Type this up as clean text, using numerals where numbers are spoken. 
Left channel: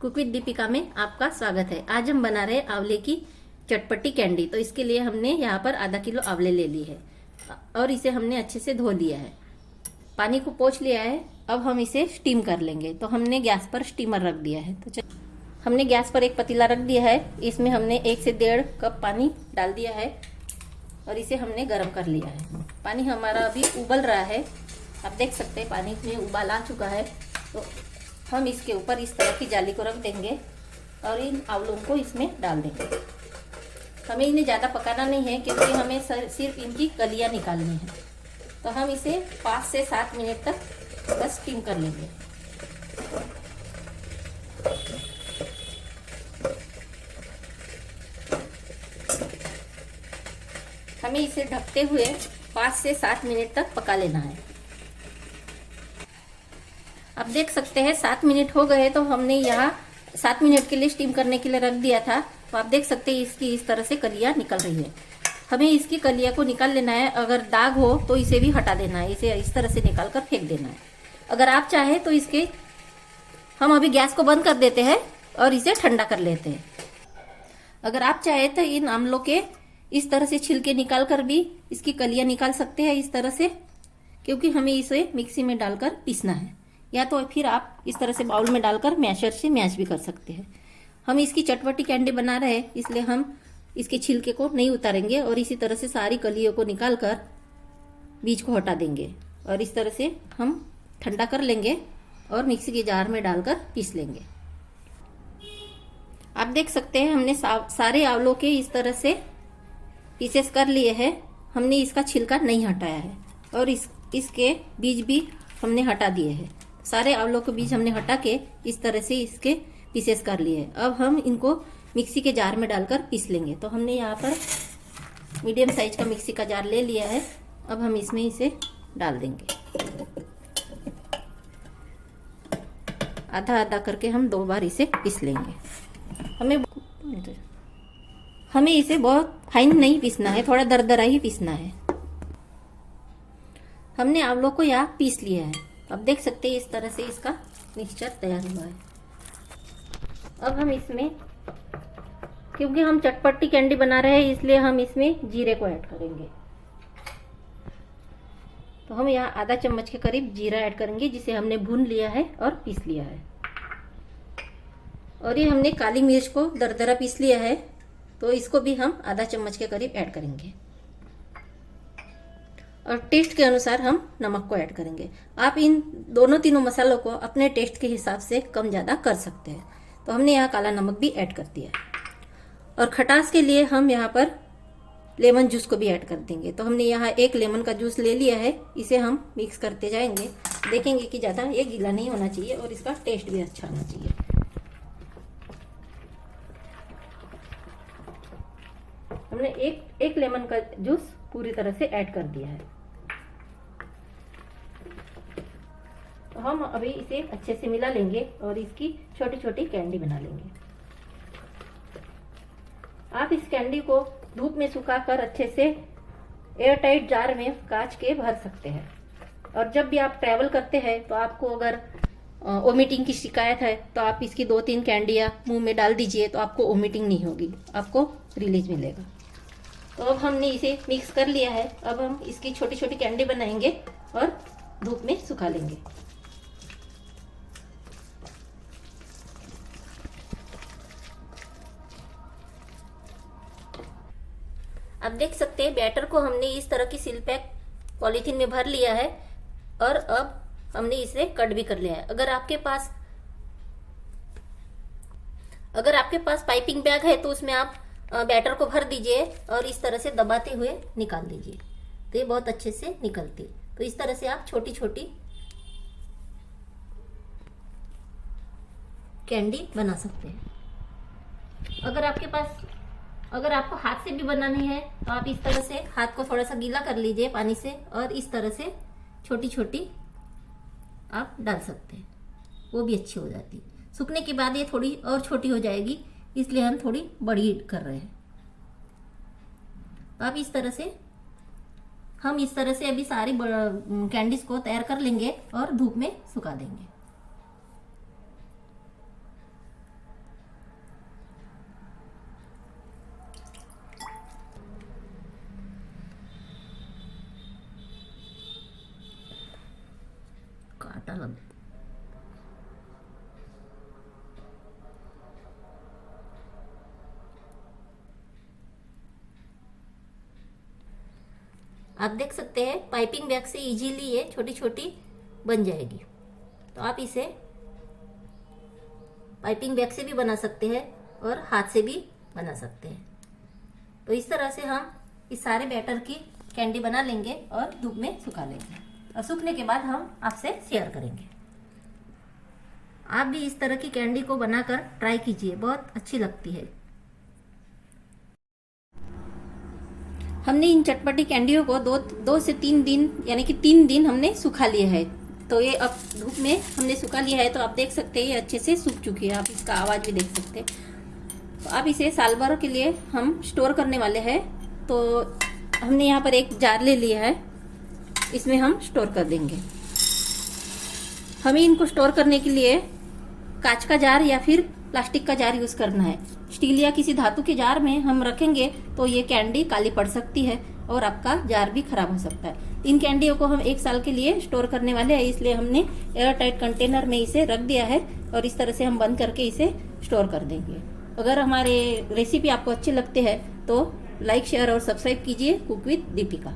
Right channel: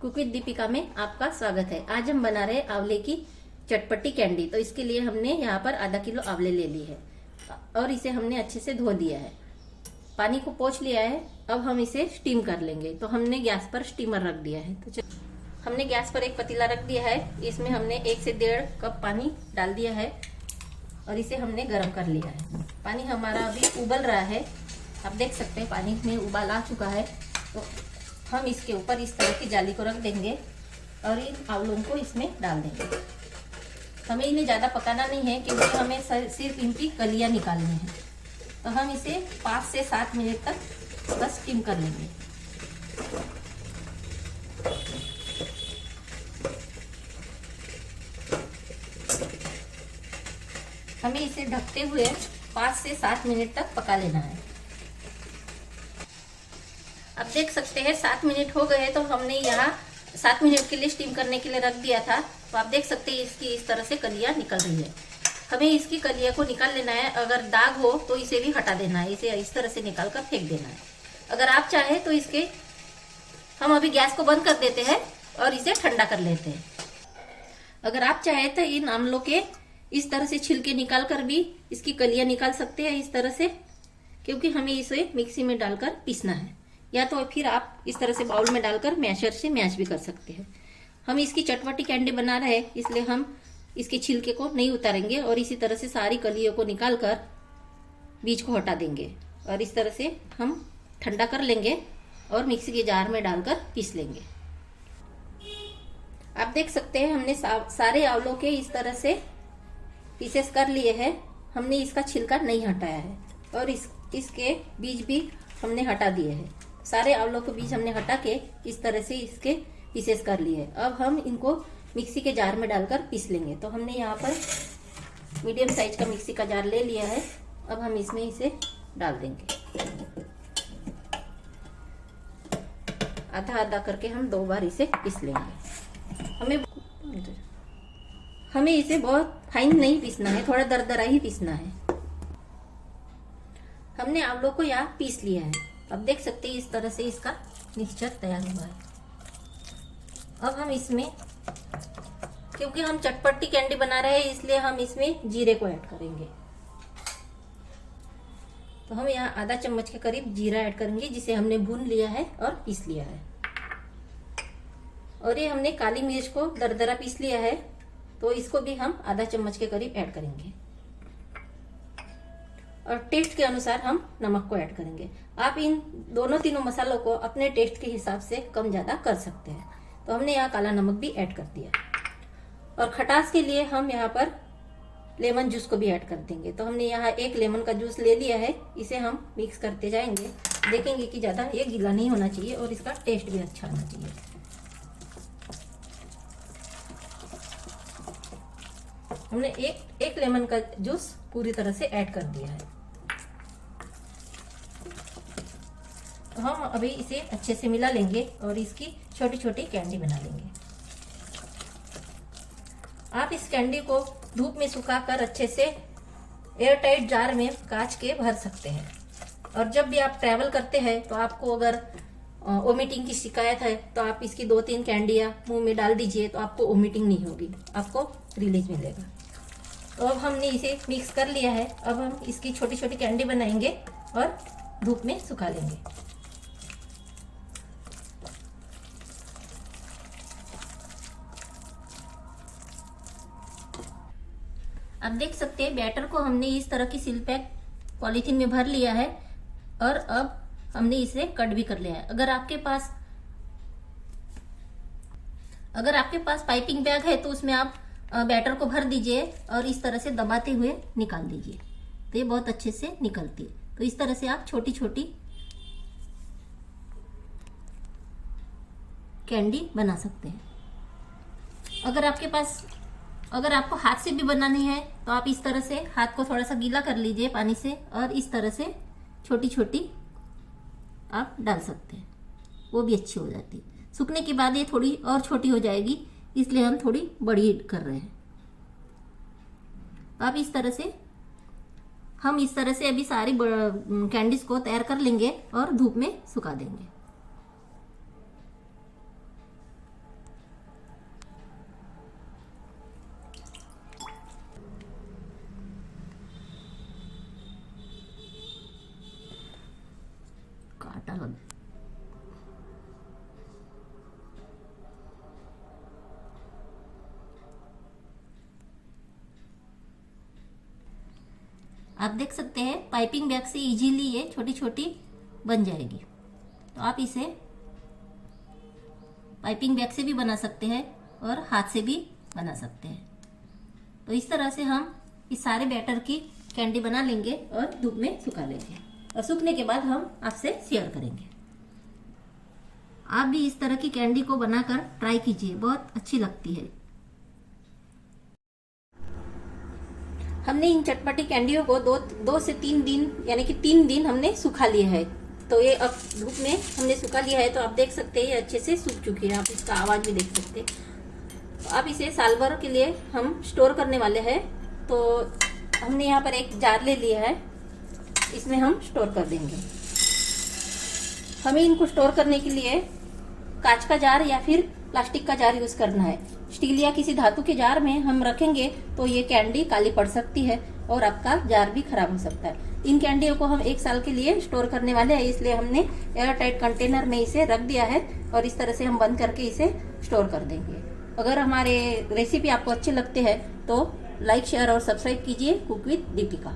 Cook with Deepika में आपका स्वागत है। आज हम बना रहे हैं आंवले की चटपटी कैंडी। तो इसके लिए हमने यहाँ पर आधा किलो आंवले ले लिए है और इसे हमने अच्छे से धो लिया है, पानी को पोंछ लिया है। अब हम इसे स्टीम कर लेंगे। तो हमने गैस पर स्टीमर रख दिया है। तो हमने गैस पर एक पतीला रख दिया है। इसमें हमने 1 से 1.5 कप पानी डाल दिया है और इसे हमने गर्म कर लिया है। पानी हमारा अभी उबल रहा है, आप देख सकते हैं पानी में उबाल आ चुका है। तो हम इसके ऊपर इस तरह की जाली को रख देंगे और इन आंवलों को इसमें डाल देंगे। हमें इन्हें ज़्यादा पकाना नहीं है क्योंकि हमें सिर्फ इनकी कलियां निकालनी है। तो हम इसे 5 से 7 मिनट तक बस स्टीम कर लेंगे। हमें इसे ढकते हुए 5 से 7 मिनट तक पका लेना है। आप देख सकते हैं 7 मिनट हो गए। तो हमने यहाँ 7 मिनट के लिए स्टीम करने के लिए रख दिया था। तो आप देख सकते हैं इसकी इस तरह से कलियां निकल रही है। हमें इसकी कलियां को निकाल लेना है। अगर दाग हो तो इसे भी हटा देना है, इसे इस तरह से निकाल कर फेंक देना है। अगर आप चाहे तो इसके हम अभी गैस को बंद कर देते हैं और इसे ठंडा कर लेते हैं। अगर आप चाहे तो इन आंवलों के इस तरह से छिलके निकाल कर भी इसकी कलियां निकाल सकते हैं इस तरह से, क्योंकि हमें इसे मिक्सी में डालकर पीसना है। या तो फिर आप इस तरह से बाउल में डालकर मैशर से मैश भी कर सकते हैं। हम इसकी चटपटी कैंडी बना रहे हैं, इसलिए हम इसके छिलके को नहीं उतारेंगे और इसी तरह से सारी कलियों को निकालकर बीज को हटा देंगे और इस तरह से हम ठंडा कर लेंगे और मिक्सी के जार में डालकर पीस लेंगे। आप देख सकते हैं हमने सारे आंवलों के इस तरह से पीसेस कर लिए हैं। हमने इसका छिलका नहीं हटाया है और इसके बीज भी हमने हटा दिए हैं। सारे आंवलों के बीज हमने हटा के इस तरह से इसके पीसेस कर लिए। अब हम इनको मिक्सी के जार में डालकर पीस लेंगे। तो हमने यहाँ पर मीडियम साइज का मिक्सी का जार ले लिया है। अब हम इसमें इसे डाल देंगे। आधा आधा करके हम 2 बार इसे पीस लेंगे। हमें इसे बहुत फाइन नहीं पीसना है, थोड़ा दरदरा ही पीसना है। हमने आंवलों को यहाँ पीस लिया है। अब देख सकते हैं इस तरह से इसका मिक्सचर तैयार हुआ है। अब हम इसमें, क्योंकि हम चटपटी कैंडी बना रहे हैं इसलिए हम इसमें जीरे को ऐड करेंगे। तो हम यहाँ आधा चम्मच के करीब जीरा ऐड करेंगे, जिसे हमने भून लिया है और पीस लिया है। और ये हमने काली मिर्च को दरदरा पीस लिया है, तो इसको भी हम आधा चम्मच के करीब ऐड करेंगे। और टेस्ट के अनुसार हम नमक को ऐड करेंगे। आप इन तीनों मसालों को अपने टेस्ट के हिसाब से कम ज्यादा कर सकते हैं। तो हमने यहाँ काला नमक भी ऐड कर दिया है। और खटास के लिए हम यहाँ पर लेमन जूस को भी ऐड कर देंगे। तो हमने यहाँ 1 लेमन का जूस ले लिया है। इसे हम मिक्स करते जाएंगे। देखेंगे कि ज्यादा ये गीला नहीं होना चाहिए और इसका टेस्ट भी अच्छा होना चाहिए। हमने एक लेमन का जूस पूरी तरह से ऐड कर दिया है। तो हम अभी इसे अच्छे से मिला लेंगे और इसकी छोटी छोटी कैंडी बना लेंगे। आप इस कैंडी को धूप में सुखाकर अच्छे से एयरटाइट जार में कांच के भर सकते हैं। और जब भी आप ट्रैवल करते हैं तो आपको अगर वोमिटिंग की शिकायत है तो आप इसकी 2-3 कैंडियां मुंह में डाल दीजिए, तो आपको वोमिटिंग नहीं होगी, आपको रिलीज मिलेगा। तो अब हमने इसे मिक्स कर लिया है। अब हम इसकी छोटी छोटी कैंडी बनाएंगे और धूप में सुखा लेंगे। अब देख सकते हैं बैटर को हमने इस तरह की सील पैक पॉलीथीन में भर लिया है और अब हमने इसे कट भी कर लिया है। अगर आपके पास पाइपिंग बैग है तो उसमें आप बैटर को भर दीजिए और इस तरह से दबाते हुए निकाल दीजिए, तो ये बहुत अच्छे से निकलती है। तो इस तरह से आप छोटी छोटी कैंडी बना सकते हैं। अगर आपको हाथ से भी बनानी है तो आप इस तरह से हाथ को थोड़ा सा गीला कर लीजिए पानी से और इस तरह से छोटी छोटी आप डाल सकते हैं, वो भी अच्छी हो जाती है। सूखने के बाद ये थोड़ी और छोटी हो जाएगी, इसलिए हम थोड़ी बड़ी कर रहे हैं। तो आप इस तरह से अभी सारी कैंडीज को तैयार कर लेंगे और धूप में सुखा देंगे। आप देख सकते हैं पाइपिंग बैग से इजीली ये छोटी छोटी बन जाएगी। तो आप इसे पाइपिंग बैग से भी बना सकते हैं और हाथ से भी बना सकते हैं। तो इस तरह से हम इस सारे बैटर की कैंडी बना लेंगे और धूप में सुखा लेंगे, और सूखने के बाद हम आपसे शेयर करेंगे। आप भी इस तरह की कैंडी को बनाकर ट्राई कीजिए, बहुत अच्छी लगती है। हमने इन चटपटी कैंडियों को दो से 3 दिन यानी कि 3 दिन हमने सुखा लिया है। तो ये अब धूप में हमने सुखा लिया है, तो आप देख सकते हैं ये अच्छे से सूख चुकी है। आप इसका आवाज भी देख सकते हैं। तो अब इसे साल भर के लिए हम स्टोर करने वाले हैं। तो हमने यहाँ पर एक जार ले लिया है, इसमें हम स्टोर कर देंगे। हमें इनको स्टोर करने के लिए कांच का जार या फिर प्लास्टिक का जार यूज करना है। स्टील या किसी धातु के जार में हम रखेंगे तो ये कैंडी काली पड़ सकती है और आपका जार भी खराब हो सकता है। इन कैंडियों को हम 1 साल के लिए स्टोर करने वाले हैं, इसलिए हमने एयर टाइट कंटेनर में इसे रख दिया है और इस तरह से हम बंद करके इसे स्टोर कर देंगे। अगर हमारे रेसिपी आपको अच्छे लगते हैं तो लाइक, शेयर और सब्सक्राइब कीजिए कुक विद दीपिका।